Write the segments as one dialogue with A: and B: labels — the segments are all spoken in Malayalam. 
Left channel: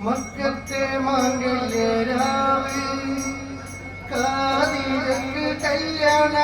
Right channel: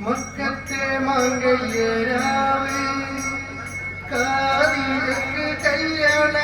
A: മക്കത്തെ മംഗല്യരാവ് കാതിലേക്ക് കല്യാണ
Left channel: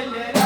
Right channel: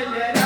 A: പറഞ്ഞില്ലേ